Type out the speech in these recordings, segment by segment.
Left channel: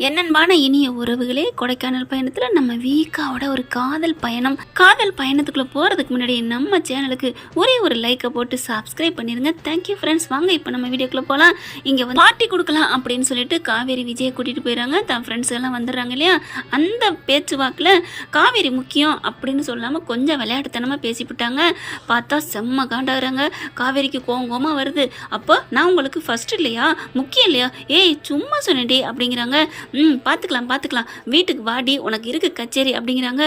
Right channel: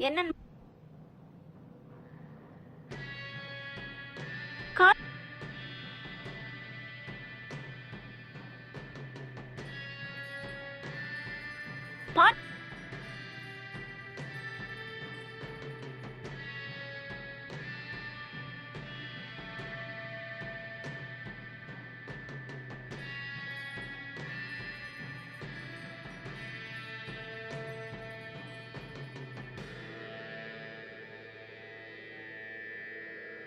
என்னன்பான இனிய உறவுகளே கொடைக்கானல் பயணத்தில் நம்ம வீக்காவோட ஒரு காதல் பயணம். காதல் பயணத்துக்குள்ளே போகிறதுக்கு முன்னாடி நம்ம சேனலுக்கு ஒரே ஒரு லைக்கை போட்டு சப்ஸ்கிரைப் பண்ணிடுங்க தேங்க்யூ ஃப்ரெண்ட்ஸ் வாங்க இப்போ நம்ம வீடியோக்குள்ளே போகலாம் இங்கே வந்து பார்ட்டி கொடுக்கலாம் அப்படின்னு சொல்லிட்டு காவேரி விஜயை கூட்டிகிட்டு போயிடறாங்க தன் ஃப்ரெண்ட்ஸ் எல்லாம் வந்துடுறாங்க இல்லையா? அந்த பேச்சுவாக்கில் காவேரி முக்கியம் அப்படின்னு சொல்லாமல் கொஞ்சம் விளையாட்டுத்தனமாக பேசிவிட்டாங்க பார்த்தா செம்ம காண்டாகிறாங்க. காவேரிக்கு கோங்கோமாக வருது. அப்போ நான் உங்களுக்கு ஃபஸ்ட்டு இல்லையா? முக்கியம் இல்லையா? ஏய் சும்மா சொன்னேன்டி அப்படிங்கிறாங்க. ம் பார்த்துக்கலாம் பார்த்துக்கலாம் வீட்டுக்கு வாடி உனக்கு இருக்கு கச்சேரி அப்படிங்கிறாங்க.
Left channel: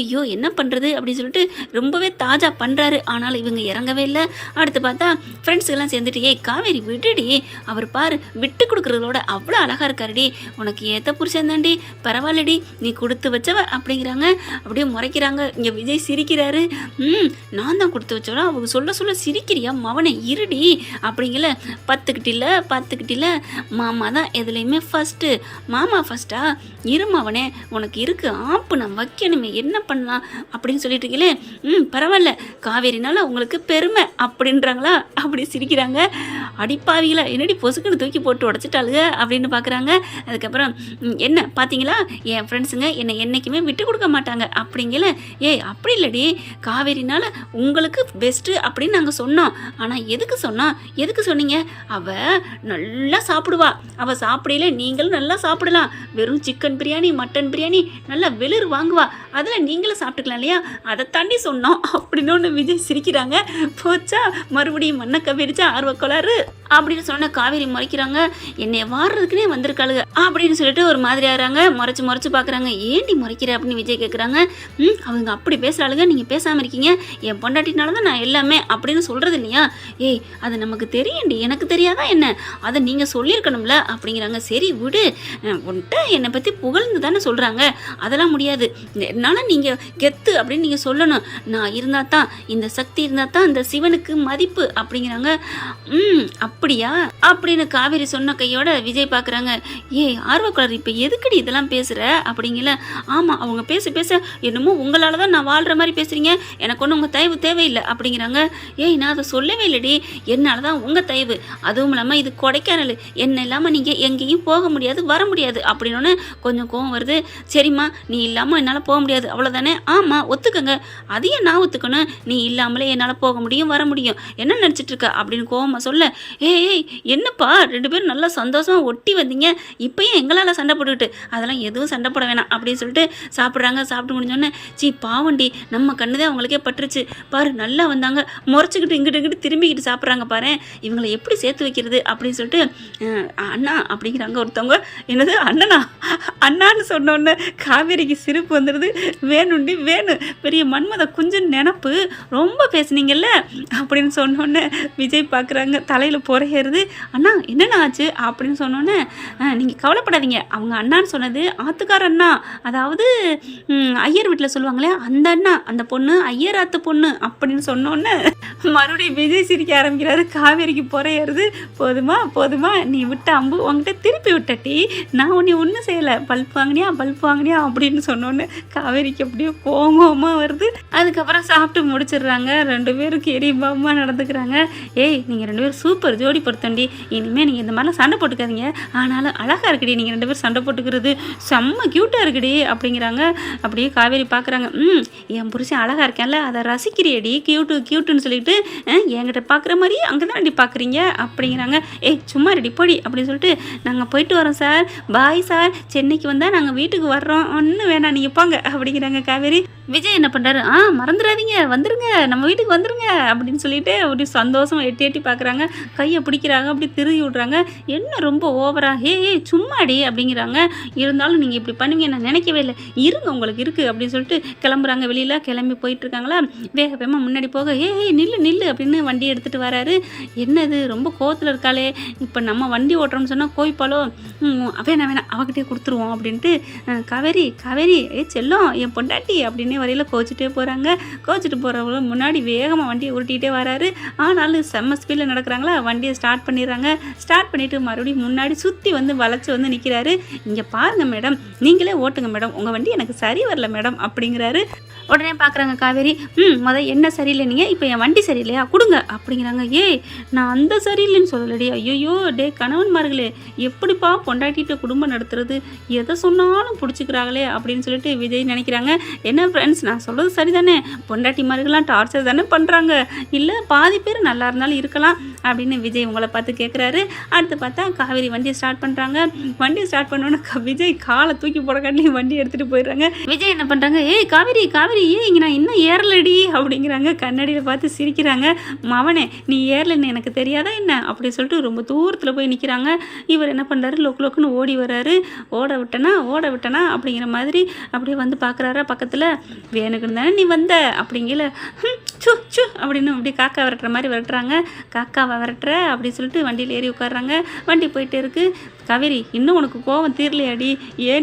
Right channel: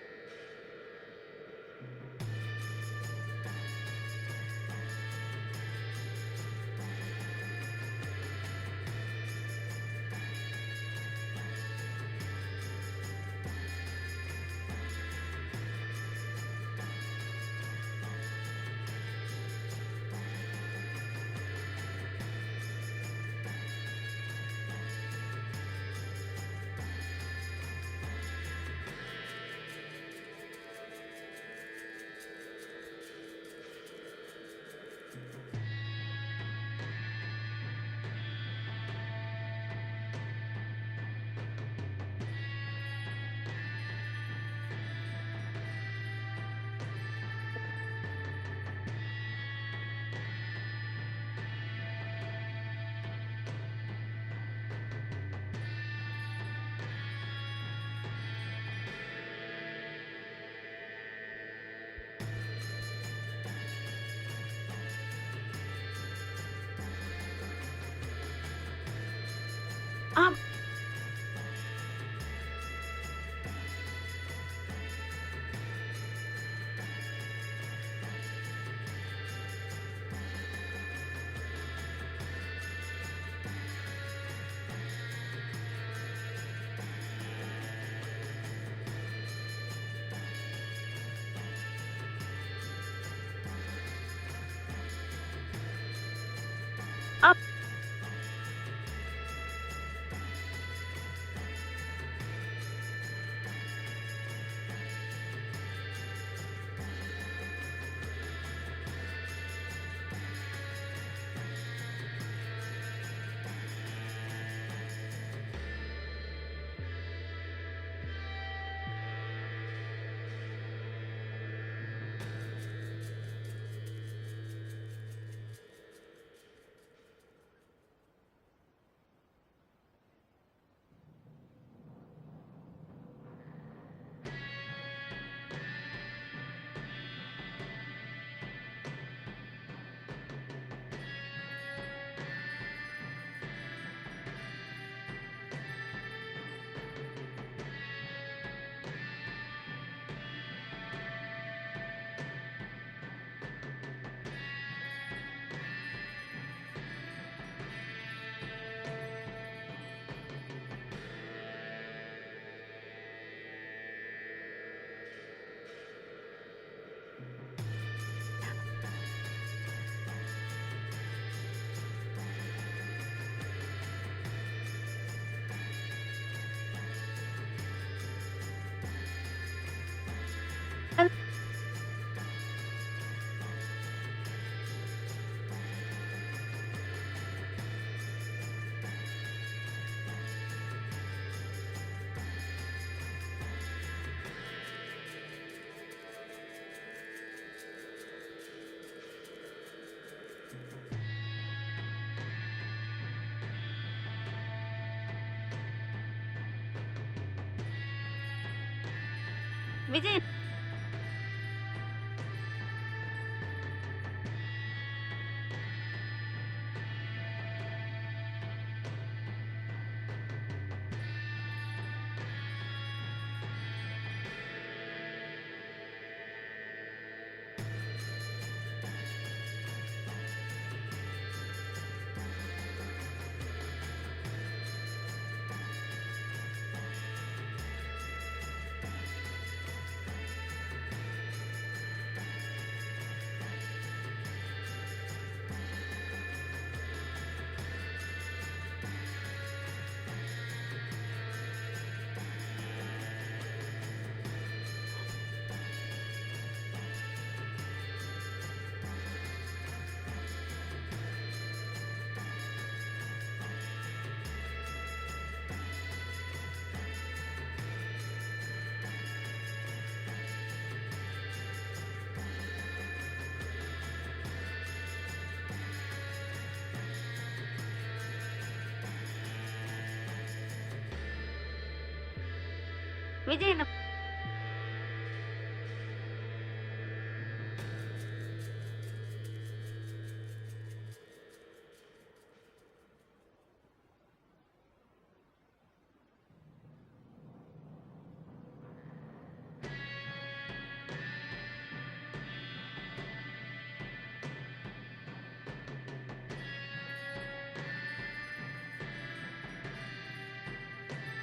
ஐயோ என்ன பண்ணுறது அப்படின்னு சொல்லிட்டு ரொம்பவே தாஜா பண்ணுறாரு ஆனாலும் இவங்க இறங்கவே இல்லை. அடுத்து பார்த்தா ஃப்ரெண்ட்ஸ் எல்லாம் சேர்ந்துட்டு ஏய் காவேரி விட்டுடி அவர் பாரு விட்டு கொடுக்குறதோட அவ்வளோ அழகாக இருக்காருடி உனக்கு ஏற்ற புருஷன் தாண்டி பரவாயில்லடி நீ கொடுத்து வச்சவ அப்படிங்கிறாங்க. அப்படியே முறைக்கிறாங்க. இங்கே விஜய் சிரிக்கிறாரு. ம் நான் தான் கொடுத்து வச்சோடா அவங்க சொல்ல சொல்ல சிரிக்கிறியா? மவனை இருடி அப்படிங்கல பத்துக்கிட்டில பத்துக்கிட்டில மாமா தான் எதுலேயுமே ஃபஸ்ட்டு மாமா ஃபஸ்ட்டா இருமாவனே உனக்கு இருக்கு ஆப்பு நான் வைக்கணுமே என்ன பண்ணலாம் அப்படின்னு சொல்லிட்டு இருக்கீங்களே ம் பரவாயில்ல காவேரினால உங்களுக்கு பெருமை அப்படின்றாங்களா? அப்படி சிரிக்கிறாங்க. அடிப்பாவிகள என்னடி பொசுக்குன்னு தூக்கி போட்டு உடச்சிட்டாளுங்க அப்படின்னு பார்க்குறாங்க அதுக்கப்புறம் என்ன பார்த்தீங்களா என் ஃப்ரெண்ட்ஸுங்க என்னை என்றைக்குமே விட்டு கொடுக்க மாட்டாங்க. அப்படிங்கல? ஏய் அப்படி இல்லடி. காவேரினால உங்களுக்கு பெஸ்ட்டு அப்படின்னு நாங்கள் சொன்னோம். ஆனால் எதுக்கு சொன்னோம் எதுக்கு சொன்னீங்க? அவள் நல்லா சாப்பிடுவா. அவள் சாப்பிடையில நீங்களும் நல்லா சாப்பிடலாம். வெறும் சிக்கன் பிரியாணி மட்டன் பிரியாணி நல்லா வெளிர் வாங்குவா. அதில் நீங்களும் சாப்பிட்டுக்கலாம் இல்லையா? அதை தாண்டி சொன்னோம். அப்படின்னு ஒன்று விஜய் சிரிக்கிறாங்க. போச்சா? மறுபடியும் மண்ணை கவிரிச்சா ஆர்வக்கோளாறு அப்படின்னு சொன்ன காவேரி முறைக்கிறாங்க. என்னை வாடுறதுக்குனே வந்திருக்காளுங்க. அப்படின்னு சொல்லிட்டு ஒரு மாதிரி ஆகிறாங்க. முறைச்சி முறைச்சி பார்க்குறாங்க ஏண்டி முறைக்கிற? அப்படின்னு விஜய் கேட்குறாங்க ம் அவங்க அப்படி பேசுகிறாளுங்க நீங்கள் பேசாமல் இருக்கீங்க. என் பொண்டாட்டினால தான் நான் எல்லாமே அப்படின்னு சொல்கிறது இல்லையா? ஏய் அது நமக்கு தெரியண்டி எனக்கு தெரியாதா என்ன? அதை நீங்கள் சொல்லியிருக்கணும்ல. அப்படிங்கிறாங்க. சரி விடு. அஹ் என்னை பற்றி புகழ்ந்து தானே சொல்கிறாங்க அதெல்லாம் முடியாது. என்னால் நீங்கள் கெத்து அப்படின்னு நீங்கள் சொல்லணும். நான் இருந்தால் தான் இந்த சக்தி இருந்தால் தான் இந்த சிவனுக்கு மதிப்பு அப்படிங்கிறாங்க. ம் அப்படியா? அப்படின்னு காவேரி சொன்ன கையோட விஜய் பார்க்குறாங்க ஏய் ஆர்வக்காரர் இப்போ எதுக்குடி இதெல்லாம் பேசுகிற அப்படிங்கல. ஆமாம் அவங்க பேச பேச என்னமோ உங்களால் தான் நான் வாழ்கிற மாதிரி பேசுகிறீங்க எனக்கு ஒன்றும் உங்கள் தயவு தேவையில்லை அப்படிங்கிறாங்க. ஏய் நான் அதை சொல்லவே இல்லைடி. என்னால் தான் உங்கள் தயவு. அதுவும் இல்லாமல் இது கொடைக்கானல். என்ன இல்லாமல் நீங்கள் எங்கேயும் போக முடியாது வர முடியாது. அப்படின்னு கொஞ்சம் கோவம் வருது. சரிம்மா நீ இல்லாமல் என்னால் போக முடியாது. அவ்வளோதானே ஆமாம் ஒத்துக்கங்க. அதையும் நான் ஒத்துக்கணும். நீ இல்லாமலே என்னால் போக முடியும் வர முடியும். என்ன நினச்சிட்டு இருக்க? அப்படின்னு கோவமாக சொல்ல ஏய் ஏய் என்னப்பா? ரெண்டு பேரும் நல்லா சந்தோஷமாக ஒட்டி வந்தீங்க. இப்போயும் எங்களால் சண்டை போட்டுக்கிட்டு அதெல்லாம் எதுவும் சண்டை போட வேணாம் அப்படின்னு சொல்லிட்டு சாப்பிட்றாங்க. சாப்பிட்டு முடிஞ்சோடனே சீ பாவண்டி நம்ம கண்ணுதே அவங்களுக்கே பட்டுருச்சு. பாரு நல்லா வந்தாங்க. முறைச்சிக்கிட்டு இங்கிட்டு இங்கிட்டு திரும்பிக்கிட்டு சாப்பிட்றாங்க பாரு இவங்களை எப்படி சேர்த்து வைக்கிறது? அப்படின்னு சொல்லிட்டு அண்ணா அப்படிங்கிறாங்க ஒருத்தவங்க. என்னது? அண்ணனா அண்ணான்னு சொன்னோன்னே காவேரிக்கு சிரிப்பு வந்துடுது வேணுண்டி வேணும் பெரிய மன்மத குஞ்சன் நினப்பு. ரொம்ப பேசுனீங்கல்ல? அப்படின்னு சொன்னோன்னே விஜய் பார்க்குறாங்க. தலையில் புறையறது அண்ணா என்னண்ணா ஆச்சு? அப்படின்னு சொன்னோன்னே நீங்கள் கவலைப்படாதீங்க. அவங்க அண்ணான்னு சொன்னது ஆத்துக்கார அண்ணா. அதாவது ஐயர் வீட்டில் சொல்லுவாங்களே அந்த அண்ணா அந்த பொண்ணு ஐயர் ஆத்து பொண்ணு. அப்படின்னு சொன்னோன்னே மறுபடியும் விஜய் சிரிக்க ஆரம்பிக்கிறாரு. காவேரிக்கு புறையறது போதுமா போதுமா நீ விட்ட அம்பு உங்ககிட்ட திருப்பி விட்டட்டி நான் உன்னை ஒன்றும் செய்யலை. பல்ப் வாங்கினியா பல்ப் வாங்கினியா அப்படின்னு சொன்னோன்னே காவேரிக்கு அப்படியே போங்கோமா வருது. அதுக்கப்புறம் சாப்பிட்டு முடிச்சிடுறாங்க. ரெண்டு பேரும் கெரிபாமா நடந்துக்கிறாங்க. ஏய் நீங்கள் ரெண்டு பேரும் சூப்பர் ஜோடி பொருத்தண்டி. இனிமேல் நீங்கள் இந்த மாதிரிலாம் சண்டை போட்டுக்காதீங்க. ஆனாலும் அழகாக இருக்குடி நீங்கள் ரெண்டு பேரும் சண்டை போட்டுக்கிறது. செம்ம க்யூட்டாக இருக்குடி அப்படிங்கிறாங்க. அப்படியே காவேரி பார்க்குறாங்க ம் என் புருஷன் அழகாக இருக்கேன்ல அதை ரசிக்கிறியடி. க்யூட்டு க்யூட்டுன்னு சொல்லிட்டு என்கிட்ட பார்க்குற மாதிரி அங்கே தான் அடி பார்க்குறீங்க அப்படிங்கிறாங்க. ஏய் சும்மா ரெடி போடி அப்படின்னு சொல்லிட்டு நாங்கள் போயிட்டு வரோம் சார். பாய் சார் சென்னைக்கு வந்தால் நாங்கள் வீட்டுக்கு வர்றோம். ஒன்றும் வேணாம் நீங்கள் போங்க அப்படிங்கிறாங்க காவேரி. விஜய் என்ன பண்ணுறாரு ஆ மறந்துடாதீங்க வந்துருங்க நம்ம வீட்டுக்கு வந்துருங்க அப்படின்னு சொல்லிட்டு அப்படி சந்தோஷம் எட்டி எட்டி பார்க்குறாங்க கையை பிடிக்கிறாங்க அப்படி திருகி விட்றாங்க. என்ன ரொம்ப ஓவரா ஏ ஏய் சும்மாடி அப்படிங்கிறாங்க. இருந்தாலும் நீங்கள் இப்படி பண்ணுவீங்க நான் நினைக்கவே இல்லை. இருங்க உங்களுக்கு இருக்குது அப்படின்னு சொல்லிட்டு கிளம்புறாங்க. வெளியில் கிளம்பி போயிட்டுருக்காங்களா வேக வேகமாக முன்னாடி போக ஏ ஏய் நில்லு நில்லு அப்படின்னு வண்டி எடுத்துகிட்டு வராரு. என்னது ரொம்ப கோவத்தில் இருக்காளே. இப்போ நம்ம வண்டி ஓட்டுறோம்னு சொன்னால் கோய்ப்பாலோ ம், வேணாம் வேணாம் அவகிட்டே கொடுத்துருவோம் அப்படின்ட்டு கவேரி காவேரி ஏ செல்லம் என் பொண்டாட்டி அப்படின்னே வரையில் கோச்சிட்டே போகிறாங்க கோச்சிட்டு போகிறவங்க முன்னாடி வேகமாக வண்டியை உருட்டிகிட்டே வராரு. ஆனாலும் செம்ம ஸ்பீடில் நடக்கிறாங்களா? வண்டியை ஸ்டார்ட் பண்ணிடுறாங்க. ஸ்டார்ட் பண்ணிவிட்டு மறுபடியும் முன்னாடி சுற்றி வந்து வளைச்சி வந்து நிற்கிறாரு இங்கே பாருங்கள் மேடம் நீங்களே ஓட்டுங்க மேடம் உங்கள் வண்டி எனக்கு சரி வரல மேடம் அப்படிங்கிறாரு. உடனே பார்க்குறாங்க காவேரி. ம் முத என்ன சரியில்லை நீங்கள் இப்போ என் வண்டி சரியில்லையா? கொடுங்க அப்படிங்கிறாங்க. ஏய் நான் அந்த சரியில்லைன்னு சொல்லலடி. ஐயோ டே கணவன்மார்களே எப்படிப்பா பொண்டாட்டிட்டு குடும்பம் நடத்துறது எதை சொன்னாலும் பிடிச்சிக்கிறாங்களே அப்படின்னு சொல்லிட்டு விஜய் நினைக்கிறாங்க. என்ன ஃப்ரெண்ட்ஸ் நான் சொல்கிறது சரிதானே? மாதிரிலாம் டார்ச்சர் தானே பண்ணுறாங்க இல்லை பாதி பேர் நல்லா இருந்தாலும் இருக்கலாம் அப்படின்னு விஜய் உங்களை பார்த்து கேட்குறாரு அடுத்து பார்த்தா காவேரி வண்டியை ஸ்டார்ட் பண்ணுறாங்க வண்டியை ஸ்டார்ட் பண்ணோன்னே விஜய் காலை தூக்கி போடக்காண்டி வண்டி எடுத்துகிட்டு போயிடுறாங்க. விஜய் என்ன பண்ணுறாங்க ஏய் காவேரி காவேரி ஏய் இங்கே நான் இன்னும் ஏறலடி அப்படிங்கிறாங்க. கண்ணாடியில் பார்த்து சிரிக்கிறாங்க. மவனே நீ ஏறலன்னு எனக்கு தெரியாதா என்ன? அப்படி சொல்லிட்டு ரொம்ப தூரத்தில் போய் நிற்கிறாங்க இவர் என்ன பண்ணுறாரு லொக்கு லொக்குன்னு ஓடி வராரு. ஓட விட்டனா ஓட விட்டனா அப்படிங்கிற மாதிரி அப்படியே வந்து பார்க்குறாரா பக்கத்தில். வேணுக்குன்னு தானே நீ வந்த அப்படிங்கல. சு சு அப்படின்னு அப்படி காக்கா விரட்டுற மாதிரி விரட்டுறாங்க. காக்காவை விரட்டுற அப்படின்னு சொல்லிட்டு வண்டியில் ஏறி உட்காடுறாங்க வண்டி போயிட்டே இருக்கு. கவிரி இன்னும் உனக்கு கோவம் தீரலையாடி?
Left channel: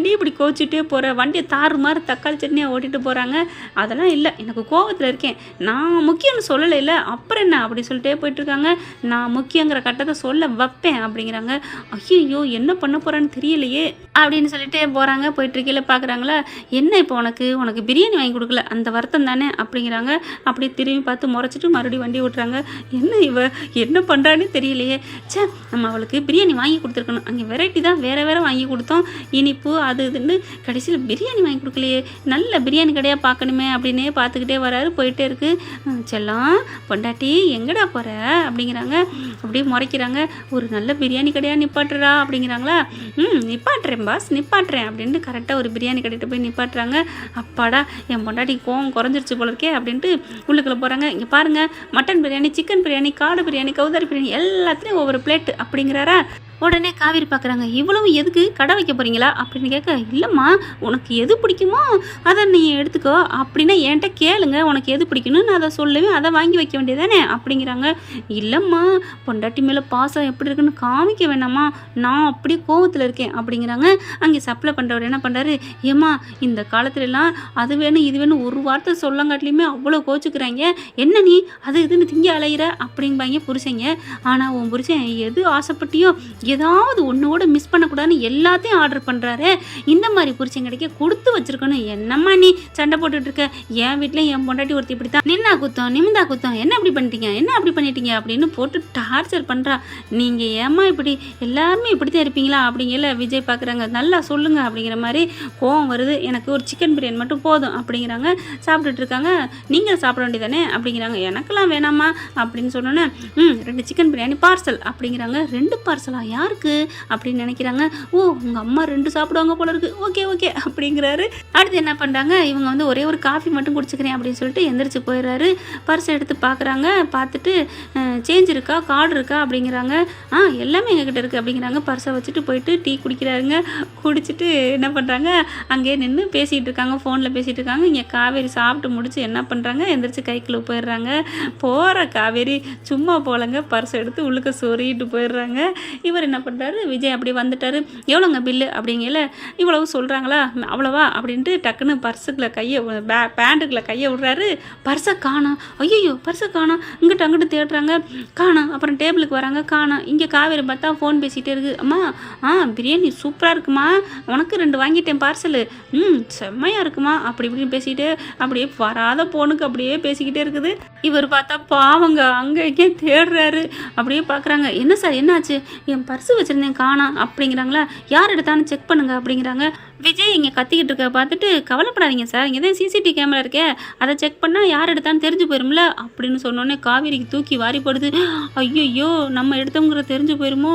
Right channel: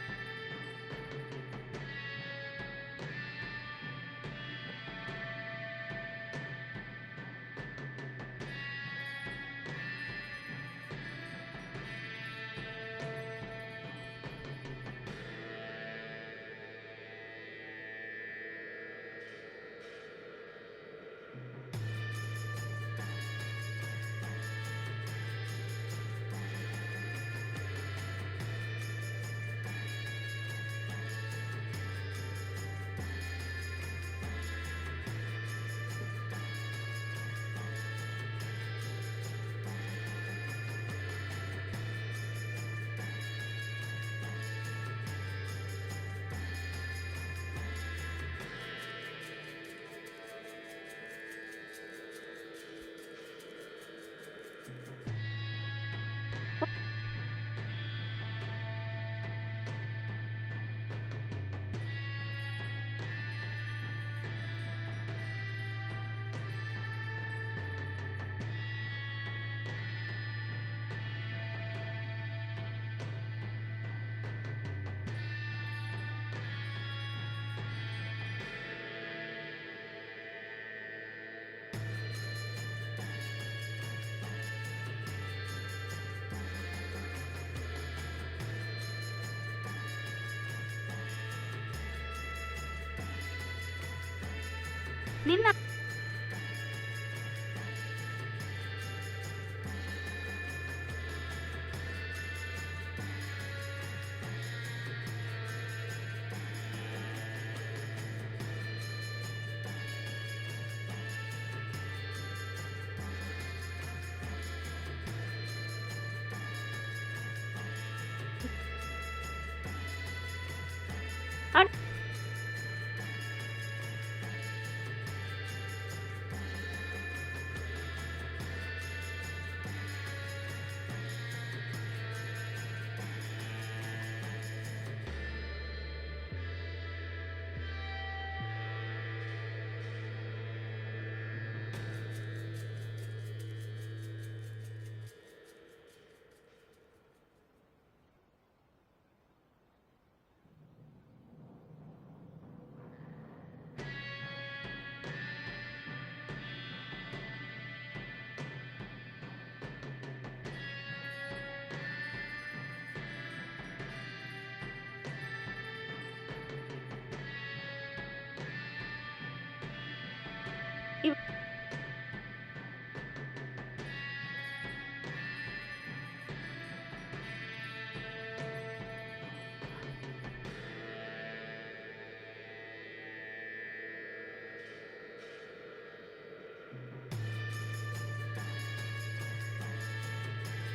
நீ இப்படி கோச்சிட்டே போகிற வண்டியை தாறு மாதிரி தக்காளி சட்னியாக ஓட்டிட்டு போகிறாங்க அதெல்லாம் இல்லை எனக்கு கோவத்தில் இருக்கேன். நான் முக்கியம்னு சொல்லலை இல்லை அப்புறம் என்ன அப்படி சொல்லிட்டே போயிட்டுருக்காங்க நான் முக்கியங்கிற கட்டத்தை சொல்ல வைப்பேன் அப்படிங்கிறாங்க. ஐயோ என்ன பண்ண போகிறேன்னு தெரியலையே அப்படின்னு சொல்லிட்டே போகிறாங்க போயிட்டுருக்கையில் பார்க்குறாங்களா என்ன இப்போ உனக்கு? உனக்கு பிரியாணி வாங்கி கொடுக்கல. அந்த வருத்தம் தானே? அப்படிங்கிறாங்க. அப்படியே திரும்பி பார்த்து முறைச்சிட்டு மறுபடியும் வண்டி விட்டுறாங்க என்ன இவ? என்ன பண்ணுறான்னு தெரியலையே. ச்சே நம்ம அவளுக்கு பிரியாணி வாங்கி கொடுத்துருக்கணும். அங்கே வெரைட்டி தான் வேறு வேறு வாங்கி கொடுத்தோம். இனிப்பு அது இதுன்னு கடைசியில் பிரியாணி வாங்கி கொடுக்கலையே. நல்ல பிரியாணி கடையாக பார்க்கணுமே அப்படின்னே பார்த்துக்கிட்டே வராரு. போயிட்டே இருக்கு. செல்லம் பொண்டாட்டி எங்கடா போகிற அப்படிங்கிறாங்க. அப்படியே முறைக்கிறாங்க. ஒரு நல்ல பிரியாணி கடையாக நிப்பாட்டுறா அப்படிங்கிறாங்களா? ம் நிப்பாட்டுறேன் பாஸ் நிப்பாட்டுறேன் அப்படின்ட்டு கரெக்டாக ஒரு பிரியாணி கட்டிட்டு போய் நிப்பாட்டுறாங்க. அப்பாடா என் பொண்டாட்டி கோவம் குறைஞ்சிருச்சு போல இருக்கே அப்படின்ட்டு உள்ளுக்குள்ளே போகிறாங்க இங்கே பாருங்கள் மட்டன் பிரியாணி சிக்கன் பிரியாணி காடு பிரியாணி கவுதாரி பிரியாணி எல்லாத்துலேயும் ஒவ்வொரு பிளேட் அப்படிங்கிறாரா? உடனே காவேரி பார்க்குறாங்க இவ்வளவு எதுக்கு? கடை வைக்க போகிறீங்களா அப்படின்னு கேட்க இல்லைம்மா உனக்கு எது பிடிக்குமோ அதை நீ எடுத்துக்கோ. அப்படின்னா என்கிட்ட கேளுங்க உனக்கு எது பிடிக்கணும்னு நான் அதை சொல்லுவேன் அதை வாங்கி வைக்க வேண்டியதானே அப்படிங்கிறாங்க. இல்லைம்மா பொண்டாட்டி மேலே பாசம் எப்படி இருக்குன்னு காமிக்க வேணாமா? நான் அப்படியே கோவத்தில் இருக்கேன் அப்படிங்கிறாங்க. அங்கே சப்ளை பண்ணுறவர் என்ன பண்ணுறாரு ஏம்மா இந்த காலத்துலலாம் அது வேணும் இது வேணும் ஒரு வார்த்தை சொல்லங்காட்டிலையுமே அவ்வளோ கோச்சுக்கிறாங்க. என்ன நீ? அது இதுன்னு திங்க அலையிற? அப்படிம்பாங்க புருஷங்க. ஆனால் உன் புருஷன் எது ஆசைப்பட்டியோ ஏதாவது ஒன்றோட மிஸ் பண்ணக்கூடாதுன்னு எல்லாத்தையும் ஆர்டர் பண்ணுறாரு இந்த மாதிரி புருஷன் கிடைக்க கொடுத்து வச்சிருக்கணும். என்னம்மா நீ சண்டை போட்டுட்டு இருக்க? என் வீட்டில் என் பொண்டாட்டி ஒருத்தி இப்படி தான் நின்னா குத்தம் நிமிந்தா குத்தம். என்ன அப்படி பண்ணிட்டீங்க? என்ன அப்படி பண்ணிட்டீங்க? அப்படின்னு போட்டு டார்ச்சர் பண்ணுறா நீங்கள் ஏம்மா இப்படி? எல்லாருமே இப்படி தான் இருப்பீங்களா? அப்படிங்கல விஜய் பார்க்குறாங்க நல்லா சொல்லுங்கள் அப்படிங்கிற மாதிரி கோவம் வருது. எனக்கு ஒரு சிக்கன் பிரியாணி மட்டும் போதும் அப்படிங்கிறாங்க. சாப்பிட்டுட்டு இருக்காங்க. நீங்கள் சாப்பிட வேண்டியதானே? அப்படிங்கிறாங்க. எனக்கெல்லாம் வேணாமா அப்படின்னு சொன்னோன்னே ம் ரெண்டு சிக்கன் பிரியாணி பார்சல் அப்படிங்கிறாங்க. ரெண்டு பார்சலா யாருக்கு அப்படின்னு நினைக்கிறாங்க. ஓ உங்கள் அம்மா ரெண்டு சாப்பிடுவாங்க போல இருக்கு. ஓகே ஓகே அப்படிங்கிறாரு. அடுத்து என்ன பண்ணுறாங்க இவங்க வந்து ஒரே ஒரு காஃபி மட்டும் குடிச்சுக்கிறேன் அப்படின்னு சொல்லிட்டு எந்திரிச்சு போயிடுறாரு. பர்ஸ் எடுத்து பார்க்குறாங்க பார்த்துட்டு சேஞ்ச் இருக்கா? கார்டு இருக்கா? அப்படிங்கிறாங்க. ஆ எல்லாமே எங்ககிட்ட இருக்குது அப்படிங்கிறாங்க. பர்ஸை வச்சுட்டு போயிட்டு டீ குடிக்கிறாருங்க. குடிச்சிட்டு என்ன பண்ணுறாங்க அங்கேயே நின்று பேசிகிட்டு இருக்காங்க. ஃபோனில் பேசிகிட்டு இருக்காங்க. இங்கே காவேரி சாப்பிட்டு முடிச்சு என்ன பண்ணுறாங்க எந்திரிச்சு கைக்குள்ளே போயிடுறாங்க போகிற காவேரி சும்மா போலங்க. பர்ஸ் எடுத்து உள்ளுக்க சொறிட்டு போயிடுறாங்க. இவர் என்ன பண்ணுறாரு விஜய் அப்படி வந்துட்டாரு. எவ்வளோங்க பில்லு அப்படிங்கல இவ்வளவு சொல்கிறாங்களா அவ்வளோவா? அப்படின்ட்டு டக்குன்னு பர்ஸுக்குள்ள கையை பே பேண்ட்டுக்குள்ள கையை விடுறாரு. பர்ஸை காணோம். ஐயோ பர்ஸை காணோம். இங்கிட்ட அங்கிட்டு தேடுறாங்க. காணோம். அப்புறம் டேபிளுக்கு வராங்க. காணோம். இங்கே காவேரி பார்த்தா ஃபோன் பேசிகிட்டே இருக்கு. அம்மா ஆ பிரியாணி சூப்பராக இருக்குமா? உனக்கு ரெண்டு வாங்கிட்டேன் பார்சலு ம் செம்மையாக இருக்குமா? அப்படி இப்படின்னு பேசிகிட்டு அப்படியே வராத போனுக்கு அப்படியே பேசிக்கிட்டே இருக்குது. இவர் பார்த்தா பாவங்க அங்கே இங்கே தேடுறாரு. அப்படியே பார்க்குறாங்க என்ன சார் என்னாச்சு? என் பர்ஸ் வச்சுருந்தேன் காணா அப்படிங்கிறாங்களா? யார் எடுத்தான்னு செக் பண்ணுங்க அப்படிங்கிறாங்க. விஜய் இங்கே கத்திக்கிட்டு இருக்க பார்த்துட்டு கவலைப்படாதீங்க சார். இங்கே தான் சிசிடிவி கேமரா இருக்கே. அதை செக் பண்ணால் யார் எடுத்தான்னு தெரிஞ்சு போயிரும்ல? அப்படின்னு சொன்னோன்னே காவேரிக்கு தூக்கி வாரி போடுது. ஐயோ நம்ம எடுத்தோங்கிற தெரிஞ்சு போயிருமோ?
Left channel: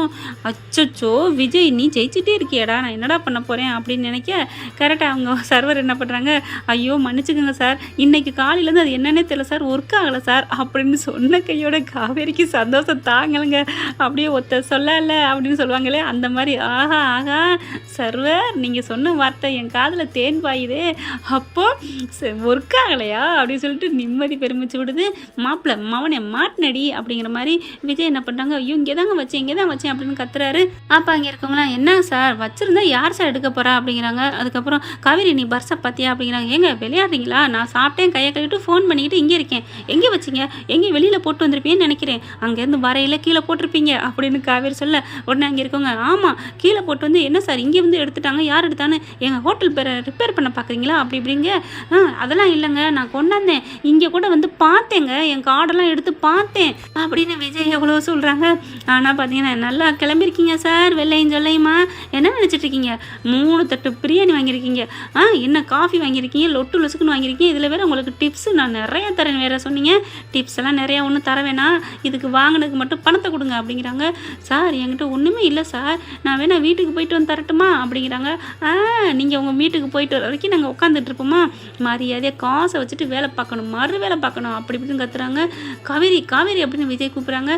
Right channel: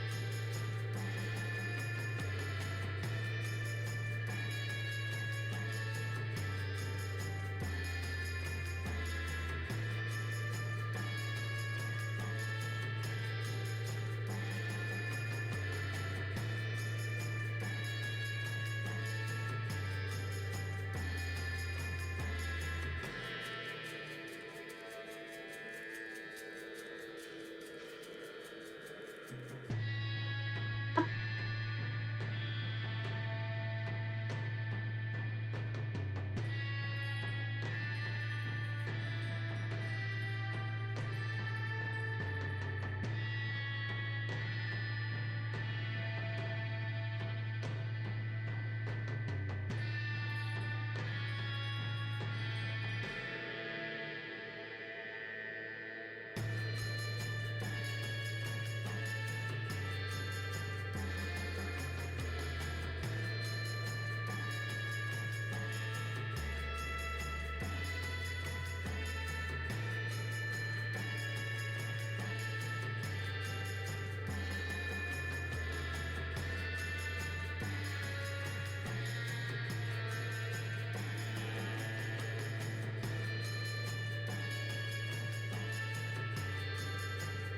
அச்சச்சோ விஜய் நீ ஜெயிச்சிட்டே இருக்கியடா. நான் என்னடா பண்ண போகிறேன் அப்படின்னு நினைக்க கரெக்டாக அவங்க சர்வர் என்ன பண்ணுறாங்க ஐயோ மன்னிச்சுக்கோங்க சார். இன்னைக்கு காலையிலேருந்து அது என்னன்னே தெரியல சார். ஒர்க் ஆகலை சார். அப்படின்னு சொன்ன கையோட காவேரிக்கு சந்தோஷம் தாங்கலைங்க. அப்படியே ஒத்த சொல்லல அப்படின்னு சொல்லுவாங்களே அந்த மாதிரி. ஆஹா ஆஹா சர்வர் நீங்கள் சொன்ன வார்த்தை என் காதில் தேன் பாயுதே. அப்போது ஒர்க் ஆகலையா அப்படின்னு சொல்லிட்டு நிம்மதி பெருமிச்சு விடுது. மாப்பிள்ளை மவனே மாட்டினடி அப்படிங்கிற மாதிரி விஜய் என்ன பண்ணுறாங்க ஐயோ இங்கே தாங்க வச்சேன் இங்கே தான் வச்சேன் அப்படின்னு கத்துறாரு. அப்போ அங்கே இருக்கவங்களாம் என்ன சார்? வச்சுருந்தா யார் சார் எடுக்க போகிறா அப்படிங்கிறாங்க. அதுக்கப்புறம் காவேரி நீ பர்ஸை பார்த்தியா அப்படிங்கிறாங்க. ஏங்க விளையாடுறீங்களா? நான் சாப்பிட்டேன் கையை கழுவிட்டு ஃபோன் பண்ணிக்கிட்டு இங்கே இருக்கேன். எங்கே வச்சிங்க? எங்கே வெளியில் போட்டு வந்திருப்பீங்கன்னு நினைக்கிறேன். அங்கேருந்து வரையில் கீழே போட்டிருப்பீங்க. அப்படின்னு காவேரி சொல்ல உடனே அங்கே இருக்கவங்க ஆமாம் கீழே போட்டு வந்து என்ன சார்? இங்கே வந்து எடுத்துட்டாங்க. யார் எடுத்தான்னு எங்கள் ஹோட்டல் பேரை ரிப்பேர் பண்ண பார்க்குறீங்களா? அப்படி இப்படிங்க. ஆ அதெல்லாம் இல்லைங்க. நான் கொண்டாந்தேன். இங்கே கூட வந்து பார்த்தேங்க. என் கார்டெல்லாம் எடுத்து பார்த்தேன். அப்படின்னு விஜய் எவ்வளோ சொல்கிறாங்க ஆனால் பார்த்தீங்கன்னா நல்லா கிளம்பிருக்கீங்க சார் வெள்ளையும் சொல்லையுமா என்ன நினச்சிட்டு இருக்கீங்க? மூணு தட்டு பிரியாணி வாங்கியிருக்கீங்க. ஆ என்ன காஃபி வாங்கியிருக்கீங்க? லொட்டு லொசுக்குன்னு வாங்கியிருக்கீங்க? இதில் வேறு உங்களுக்கு டிப்ஸ் நான் நிறையா தரேன் வேறு சொன்னீங்க. டிப்ஸ் எல்லாம் நிறையா ஒன்றும் தர வேணாம். இதுக்கு வாங்கினதுக்கு மட்டும் பணத்தை கொடுங்க அப்படிங்கிறாங்க. சார் என்கிட்ட ஒன்றுமே இல்லை சார். நான் வேணா வீட்டுக்கு போயிட்டு வந்து தரட்டுமா? அப்படிங்கிறாங்க. ஆ நீங்கள் உங்கள் வீட்டுக்கு போயிட்டு வர வரைக்கும் நாங்கள் உட்காந்துட்ருப்போமா மரியாதையாக காசை வச்சுட்டு வேலை பார்க்கணும் மறு வேலை பார்க்கணும் அப்படி இப்படின்னு கத்துறாங்க. காவேரி காவேரி அப்படின்னு விஜய் கூப்பிட்றாங்க.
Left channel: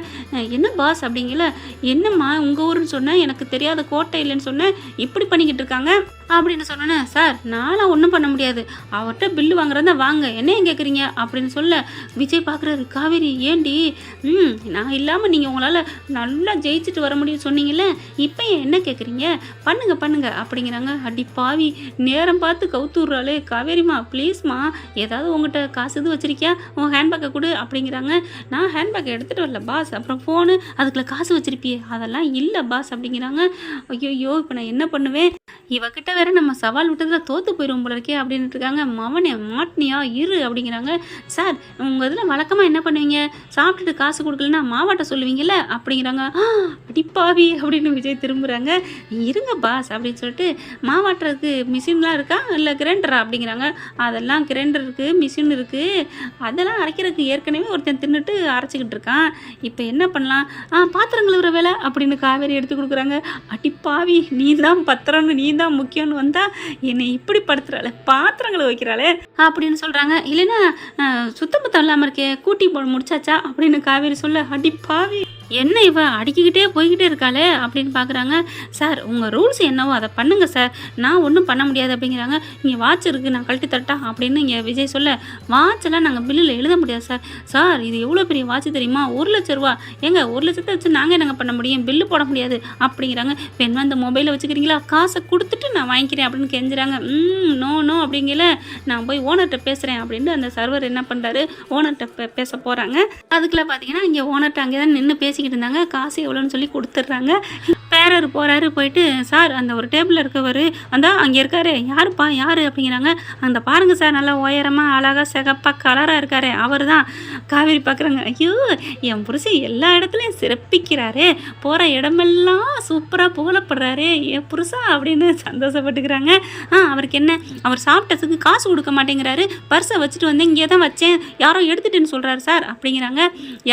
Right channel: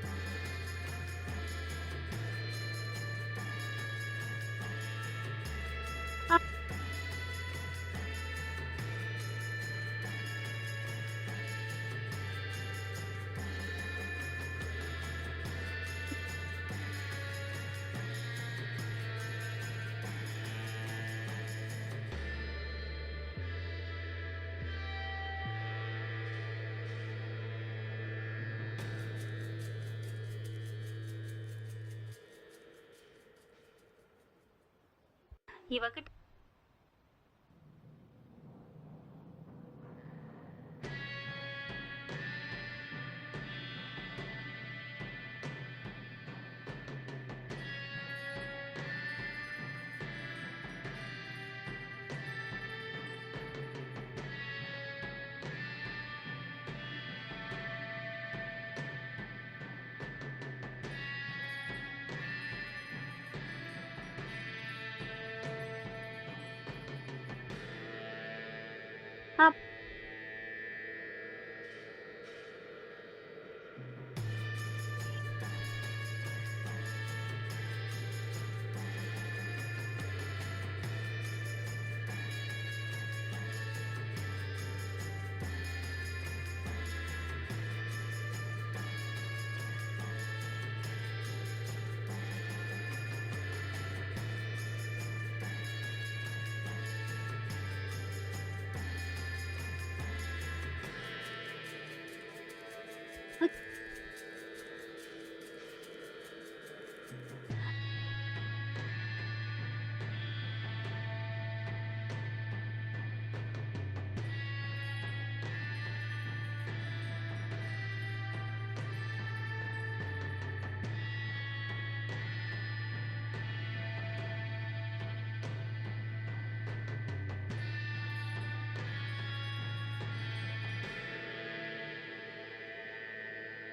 என்ன பாஸ் அப்படிங்கல? என்னம்மா உங்கள் ஊருன்னு சொன்னேன் எனக்கு தெரியாத கோட்டை இல்லைன்னு சொன்னேன் இப்படி பண்ணிக்கிட்டு இருக்காங்க அப்படின்னு சொன்னேன் சார் நானும் ஒன்றும் பண்ண முடியாது. அவர்கிட்ட பில்லு வாங்குறதா வாங்க என்ன ஏன் கேட்குறீங்க அப்படின்னு சொல்ல விஜய் பார்க்குறாரு காவேரி ஏண்டி ம் நான் இல்லாமல் நீங்கள் உங்களால் நல்லா ஜெயிச்சுட்டு வர முடியும்னு சொன்னீங்கல்ல? இப்போ ஏன் என்ன கேட்குறீங்க பண்ணுங்க பண்ணுங்க அப்படிங்கிறாங்க. அடி பாவி நேரம் பார்த்து கவுத்துடுறாளே காவேரிம்மா ப்ளீஸ்மா ஏதாவது உங்கள்கிட்ட காசு இது வச்சிருக்கியா? உன் ஹேண்ட்பேக்கை கொடு அப்படிங்கிறாங்க. நான் ஹேண்ட்பேக்கை எடுத்துகிட்டு வரல பாஸ் அப்புறம் ஃபோனு அதுக்குள்ள காசு வச்சுருப்பியே. அதெல்லாம் இல்லை பாஸ் அப்படிங்கிறாங்க. ஐயோ இப்போ நான் என்ன பண்ணுவேன்? இவகிட்ட வேற நம்ம சவால் விட்டதில் தோத்து போயிடும் போல இருக்கே அப்படின்ட்டு இருக்காங்க. மவனே மாட்னியா இரு அப்படிங்கிறாங்க. சார் உங்கள் இதில் வழக்கமாக என்ன பண்ணுவீங்க? சாப்பிட்டுட்டு காசு கொடுக்கலன்னா மாவாட்ட சொல்லுவீங்கல்ல அப்படிங்கிறாங்க. அடிப்பாவி அப்படின்னு விஜய் திரும்புகிறாங்க இருங்க பாஸ் அப்படின்னு சொல்லிட்டு மாவாட்டுறதுக்கு மிஷின்லாம் இருக்கா? இல்லை கிரைண்டரா அப்படிங்கிறாங்க. அதெல்லாம் கிரைண்டர் இருக்குது மிஷின் இருக்குது அதெல்லாம் அரைக்கிறதுக்கு ஏற்கனவே ஒருத்தன் தின்னுட்டு அரைச்சிக்கிட்டு இருக்கான். இப்போ என்ன பண்ணலாம்? ஆ பாத்திரம் கழுவுற வேலை அப்படின்னு காவேரி எடுத்து கொடுக்குறாங்க. அடிப்பாவி நீ தான் பத்திரம்னு நீ தான் முக்கியம்னு வந்தால் என்னை இப்படி படுத்துறாளே பாத்திரங்களை வைக்கிறாளே அப்படின்னு சொல்கிறாங்க இல்லைன்னா சுத்தம் பத்தம் இல்லாமல் இருக்கே கூட்டி போ முடிச்சாச்சா அப்படின்னு காவேரி சொல்ல அடிப்பாவி என்ன இவ அடிக்கிக்கிட்டே போய்கிட்டே இருக்காளே அப்படின்னு பார்க்குறாங்க சார் உங்கள் ரூல்ஸ் என்னவோ அதை பண்ணுங்கள் சார். நான் ஒன்றும் பண்ண முடியாது அப்படிங்கிறாங்க. இங்கே வாட்ச் இருக்குது நான் கழட்டி தரட்டா? அப்படின்னு இங்கே விஜய் சொல்ல வாட்செல்லாம் நாங்கள் பில்லில் எழுத முடியாது சார். சார் இது எவ்வளோ பெரிய வாட்ச் தெரியுமா? ஒரு லட்ச ரூபா. எங்க ஒரு லட்சத்தை வச்சு நாங்கள் என்னங்க பண்ண முடியும்? பில்லு போட முடியாது அப்படிங்கிறாங்க. பெண் அந்த மொபைலை வச்சுக்கிறீங்களா? காசை கொடுத்துட்டு நான் வாங்கிக்கிறேன் அப்படின்னு கெஞ்சுறாங்க. ம் நோ நோ அப்படிங்கல நான் போய் ஓனர்கிட்ட பேசுகிறேன் அப்படின்ட்டு அந்த சர்வர் என்ன பண்ணுறாரு ஓனர்கிட்ட பேச போகிறாங்க அதுக்குள்ளே பார்த்தீங்கன்னா இங்கே ஓனர்கிட்ட அங்கே தான் நின்று பேசிக்கிட்டு இருந்தாங்க. காசு எவ்வளோன்னு சொல்லி கொடுத்துட்றாங்க. பேரர் போகிறாரு போயிட்டு சார் அந்த ஒரு டேபிளில் இருக்கவர் அந்த அங்கே இருக்காரு. யாருப்பா? யார்? அப்படிங்கிறாங்க. அந்த பாருங்கள் சார் நல்லா உயரமாக அழகாக சிகப்பாக கலராக இருக்காரு. அவர் தான் காவேரி பார்க்குறாங்க. ஐயோ என் புருஷன் எல்லா இடத்துலையும் சிறப்பிக்கிறாரு. போகிற இடமெல்லாம் சூப்பராக புகழப்படுறாரு. என் புருஷா? அப்படின்னு சந்தோஷப்பட்டுக்கிறாங்க. ஆ அவருக்கு என்ன? அவர் சாப்பிட்டதுக்கு காசு கொடுக்க மாட்டேங்கிறாரு. பர்ஸை வச்சுட்டு வந்து இங்கே தான் வச்சேன். யாரோ எடுத்துட்டேன்னு சொல்கிறாரு சார். அப்படிங்கிறாங்க.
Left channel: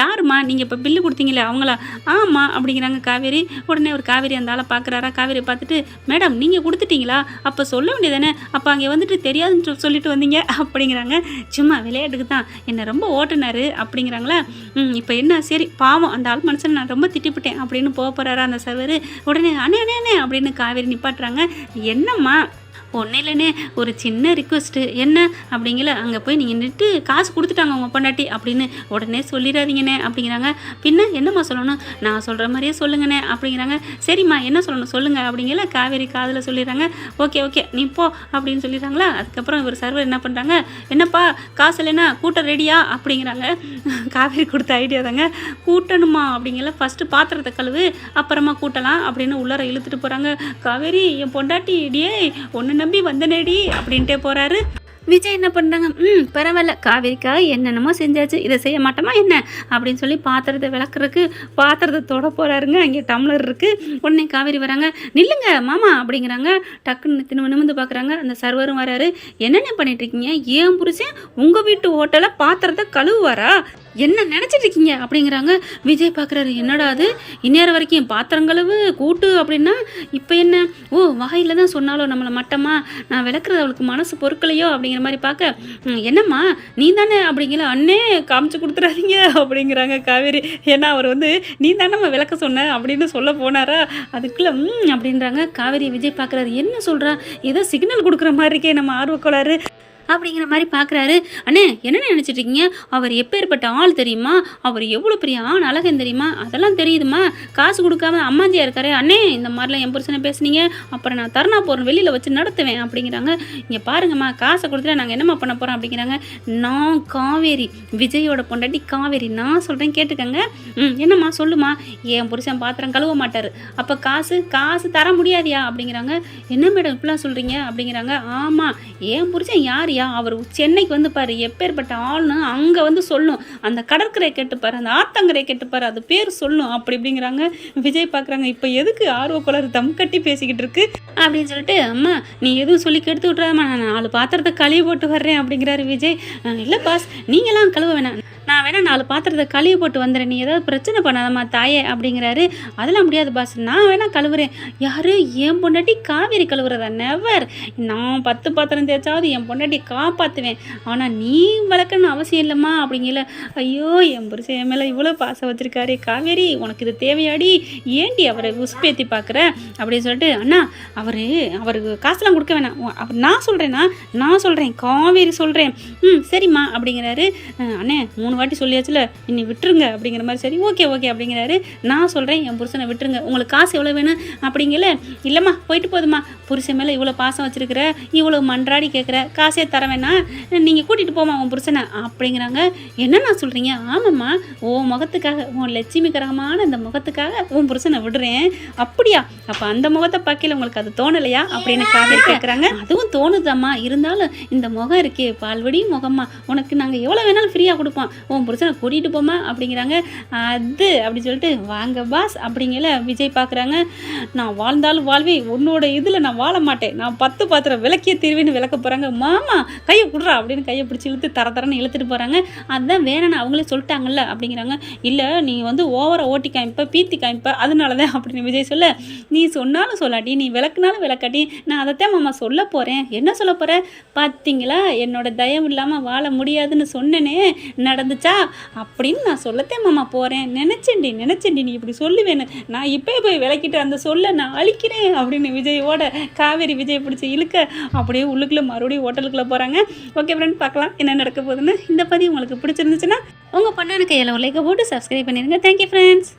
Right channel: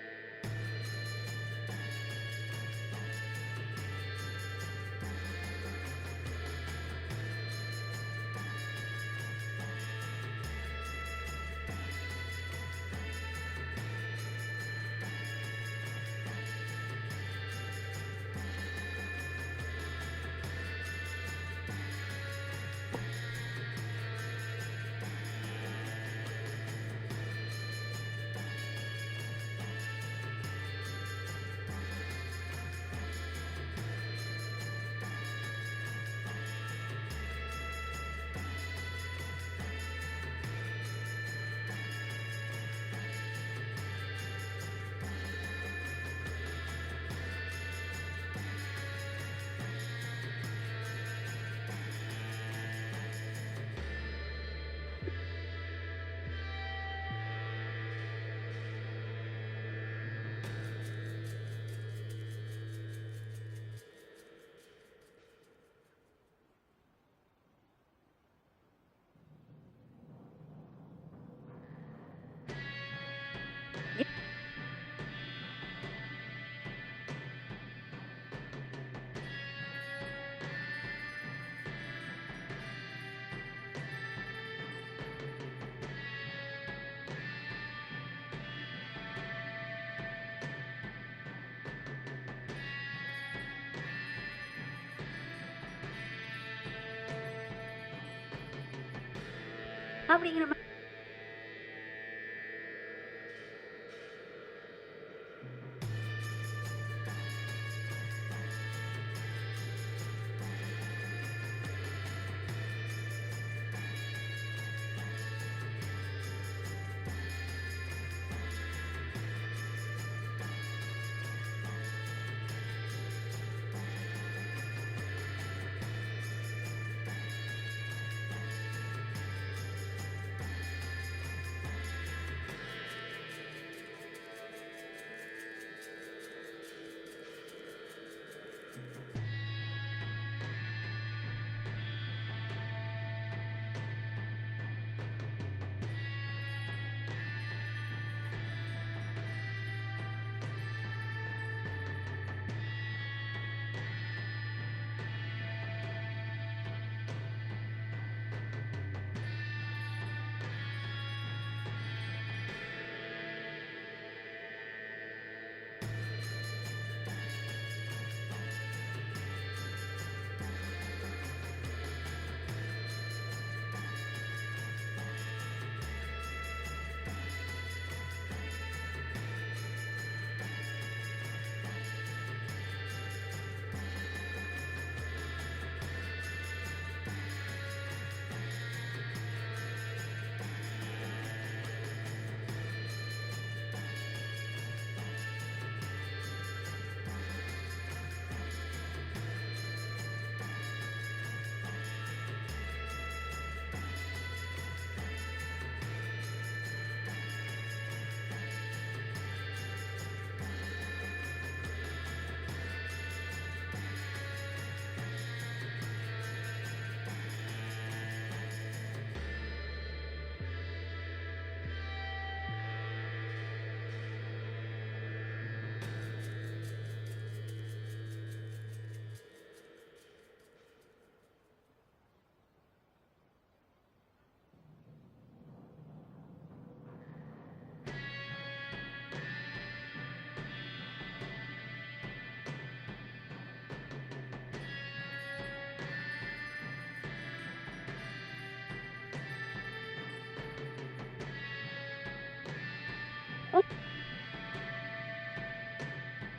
யாரும்மா? நீங்கள் இப்போ பில்லு கொடுத்தீங்களே அவங்களா? ஆமாம் அப்படிங்கிறாங்க காவேரி. உடனே ஒரு காவேரி அந்த ஆளை பார்க்குறாரா? காவேரி பார்த்துட்டு மேடம் நீங்கள் கொடுத்துட்டீங்களா? அப்போ சொல்ல வேண்டியதானே? அப்போ அங்கே வந்துட்டு தெரியாதுன்னு சொல்லிட்டு வந்தீங்க. அப்படிங்கிறாங்க. சும்மா விளையாட்டுக்கு தான். என்னை ரொம்ப ஓட்டுனார். அப்படிங்கிறாங்களா. ம் இப்போ என்ன? சரி பாவம். அந்த ஆள் மனுஷன் நான் ரொம்ப திட்டிப்பட்டேன். அப்படின்னு போக போகிறாரா அந்த சவர் உடனே அண்ணே அண்ணே அண்ணே அப்படின்னு காவேரி நிப்பாட்டுறாங்க. என்னம்மா? ஒன்றும் இல்லைண்ணே ஒரு சின்ன ரிக்வெஸ்ட்டு என்ன? அப்படிங்கிற அங்கே போய் நீங்கள் நின்று காசு கொடுத்துட்டாங்க உங்கள் பொண்டாட்டி அப்படின்னு உடனே சொல்லிடாதீங்கண்ணே அப்படிங்கிறாங்க. பின்ன என்னம்மா சொல்லணும்? நான் சொல்கிற மாதிரியே சொல்லுங்கண்ணே அப்படிங்கிறாங்க. சரிம்மா என்ன சொல்லணும்? சொல்லுங்கள் அப்படிங்கிற காவேரி காதில் சொல்லிடுறாங்க. ஓகே ஓகே நீ போ அப்படின்னு சொல்லிடுறாங்களா. அதுக்கப்புறம் இவர் சர்வர் என்ன பண்ணுறாங்க என்னப்பா காசு இல்லைன்னா கூட்டம் ரெடியா? அப்படிங்கிறாங்க. காவேரி கொடுத்த ஐடியா தாங்க. கூட்டணுமா? அப்படிங்கிற ஃபஸ்ட்டு பாத்திரத்தை கழுவு அப்புறமா கூட்டலாம் அப்படின்னு உள்ளார இழுத்துட்டு போகிறாங்க காவேரி என் பொண்டாட்டி இடியே ஒன்று நம்பி வந்தனேடி அப்படின்ட்டே போகிறாரு விஜய் என்ன பண்ணுறாங்க ம் பரவாயில்ல. காவேரிக்காக என்னென்னமோ செஞ்சாச்சு. இதை செய்ய மாட்டோமா என்ன? அப்படின்னு சொல்லி பாத்திரத்தை விளக்குறதுக்கு பாத்திரத்தை தொட போகிறாருங்க அங்கே டம்ளர் இருக்குது உடனே காவேரி வராங்க நில்லுங்க மாமா அப்படிங்கிறாங்க. டக்குன்னு தின்னு நிமிந்து பார்க்குறாங்க அந்த சர்வரும் வராரு. என்னென்ன பண்ணிட்டு இருக்கீங்க? ஏன் புருஷன் உங்கள் வீட்டு ஹோட்டலில் பாத்திரத்தை கழுவுவாரா? என்ன நினச்சிட்டு இருக்கீங்க? அப்படிங்கிறாங்க. விஜய் பார்க்குறாரு என்னடா அது? இந்நேரம் வரைக்கும் என் பாத்திரங்களவு கூட்டு அப்படின்னா இப்போ என்ன? ஓ வாயில் தான் சொன்னாலோ நம்மளை மட்டமா? நான் விளக்குறது அவளுக்கு மனசு பொருட்களையோ அப்படிங்கிற மாதிரி பார்க்க என்னம்மா? நீ தானே? அப்படிங்கிற அண்ணே காமிச்சு கொடுத்துறாதீங்க. அப்படிங்கிறாங்க காவேரி. ஏன்னா அவர் வந்து நீ தானே நம்ம விளக்க சொன்ன? அப்படின்னு சொல்ல போனாரா? அதுக்குள்ளே அப்படின்றாங்க. காவேரி விஜய் பார்க்குறாரு என்ன சொல்கிறா ஏதோ சிக்னல் கொடுக்குற மாதிரி இருக்கே நம்ம ஆர்வக்கோளாறு. அப்படிங்கிற மாதிரி பார்க்குறாரு. அண்ணே என்ன நினச்சிட்டு இருக்கீங்க? அவர் எப்பேற்பட்ட ஆள் தெரியுமா? அவர் எவ்வளோ பெரிய ஆண் அழகன் தெரியுமா? அதெல்லாம் தெரியுதுமா? காசு கொடுக்காம அம்மாஞ்சியாக இருக்காரு. அண்ணே இந்த மாதிரிலாம் என் புருஷனை பேசுனீங்க. அப்புறம் நான் தருணா போகிறேன் வெளியில் வச்சு நடத்துவேன் அப்படிங்கிறாங்க. இங்கே பாருங்கம்மா காசை கொடுத்துட்டு நாங்கள் என்னம்மா பண்ண போகிறோம் அப்படிங்கிறாங்க. நான் காவேரி விஜயோட பொண்டாட்டி காவேரி. நான் சொல்கிறேன் கேட்டுக்கங்க. ம் என்னம்மா சொல்லுமா என் புருஷன் பாத்திரம் கழுவ மாட்டார். அப்போ காசு காசு தர முடியாதியா அப்படிங்கிறாங்க. என்ன மேடம் இப்படிலாம் சொல்கிறீங்க அப்படிங்கிறாங்க. ஆமாம் என் புருஷன் யார்? பாரியா அவர் சென்னைக்கு வந்து பாரு எப்பேற்பட்ட ஆள்னு அங்கே வந்து சொல்லும். அந்த கடற்கரை கேட்டுப்பாரு அந்த ஆத்தங்கரை கேட்டுப்பாரு அது பேர் சொல்லும். அப்படி இப்படிங்கிறாங்க. விஜய் பார்க்குறாங்க இப்போ எதுக்கு ஆர்வக்குளர் தம் கட்டி பேசிக்கிட்டு இருக்கு? அப்படின்னு சொல்லிட்டு அம்மா நீ எதுவும் சொல்லி கெடுத்து விட்றாதம்மா நான் நாலு பாத்திரத்தை கழுவி போட்டு வர்றேன். அப்படிங்கிறாரு விஜய். இல்லை பாஸ் நீங்களாம் கழுவ வேணாம். நான் வேணால் நாலு பாத்திரத்தை கழுவி போட்டு வந்துடுறேன். நீ ஏதாவது பிரச்சனை பண்ணாதம்மா தாயே அப்படிங்கிறாரு. அதெல்லாம் முடியாது பாஸ் நான் வேணால் கழுவுறேன். யாரு? என் பொண்டாட்டி காவேரி கழுவுறதா? நெவர் நான் பத்து பாத்திரம் தேய்ச்சாவது என் பொண்டாட்டி காப்பாற்றுவேன் ஆனால் நீ வளர்க்கணும்னு அவசியம் இல்லைம்மா அப்படிங்கல. ஐயோ என் புருஷன் என் மேலே இவ்வளோ பாசம் வச்சுருக்காரு. காவேரி உனக்கு இது தேவையாடி? ஏண்டி அவரை உஸ்பேத்தி பார்க்குற அப்படின்னு சொல்லிட்டு அண்ணா அவர் அவருக்கு காசுலாம் கொடுக்க வேணாம். அவர் நான் சொல்கிறேன்னா நான் சொல்கிறேன் காவேரி சொல்கிறேன் ம் சரிம்மா அப்படிங்கிறாரு. அண்ணே மூணு வாட்டி சொல்லியாச்சுல இன்னி விட்டுருங்க அப்படிங்கிற மாதிரி. சரி ஓகே ஓகே அப்படிங்கிறாரு. நான் சொல்கிறேன் என் புருஷனை விட்டுருங்க. உங்களுக்கு காசு எவ்வளோ வேணும்? அப்படிங்கல. இல்லைம்மா போயிட்டு போதுமா புருஷன் மேலே இவ்வளோ பாசம் வச்சுருக்கிற இவ்வளோ மன்றாடி கேட்குற காசே தர வேணாம் நீங்கள் கூட்டிகிட்டு போமா உன் புருஷனை அப்படிங்கிறாங்க. என்னண்ணா சொல்கிறீங்க ஆமாம்மா. உன் முகத்துக்காக உன் லட்சுமிகரமான அந்த முகத்துக்காக உன் புருஷனை விடுறேன். அப்படியா? அப்போ அந்த முகத்தை பார்க்கல உங்களுக்கு அது தோணலையா? அப்படின்னு காவேரி கேட்குறாங்க அதுவும் தோணுதாம்மா. இருந்தாலும் இந்த முகம் இருக்கே. பால்வடி முகம்மா. உனக்கு நாங்கள் எவ்வளோ வேணாலும் ஃப்ரீயாக கொடுப்போம். உன் புருஷனை கூட்டிகிட்டு போமா அப்படிங்கிறாங்க. அது அப்படி சொல்லிட்டு வாங்க பாஸ் அப்படிங்கல விஜய் பார்க்குறாங்க நான் வாழ்ந்தாலும் வாழ்வே உன்னோட இதில் நான் வாழ மாட்டேன். நான் பத்து பாத்திரம் விளக்கிய தீர்வேன்னு விளக்க போகிறாங்க மாமா கையை கொடுறா அப்படின்னு கையை பிடிச்சி இழுத்து தர தரன்னு இழுத்துட்டு போகிறாங்க அதுதான் வேணாம் அவங்களே சொல்லிட்டாங்கல்ல அப்படிங்கிறாங்க. இல்லை நீ வந்து ஓவரை ஓட்டி காமிப்ப பீத்தி காமிப்ப. அதனால தான் அப்படின்னு விஜய் சொல்ல. நீ சொன்னாலும் சொல்லாட்டி நீ விளக்குனாலும் விளக்காட்டி நான் அதைத்தான் மாமா சொல்ல போகிறேன் என்ன சொல்ல போகிற பார்த்தீங்களா என்னோட தயவு இல்லாமல் வாழ முடியாதுன்னு சொன்னனே நடந்துச்சா அப்படின்னு நான் சொல்லத்தேன் மாமா போகிறேன் நினச்சேன்டி நினச்சேன்டி நீ இப்படி சொல்லுவேன்னு. நான் இப்போ போய் விளக்கிட்டு அந்த சொல்ல நான் அழிக்கிறேன் அப்படின்னு விஜயோட காவேரி விஜய் பிடிச்சி இழுக்க அப்படியே உள்ளுக்குள்ளே மறுபடியும் ஹோட்டலுக்குள்ளே போகிறாங்க ஓகே ஃப்ரெண்ட் பார்க்கலாம் என்ன நடக்க போகுதுன்னு. இந்த பதிவு உங்களுக்கு பிடிச்சிருந்துச்சுன்னா உங்கள் பண்ணனுக்கு கையில் லைக்கை போட்டு சப்ஸ்கிரைப் பண்ணிடுங்க. Thank you friends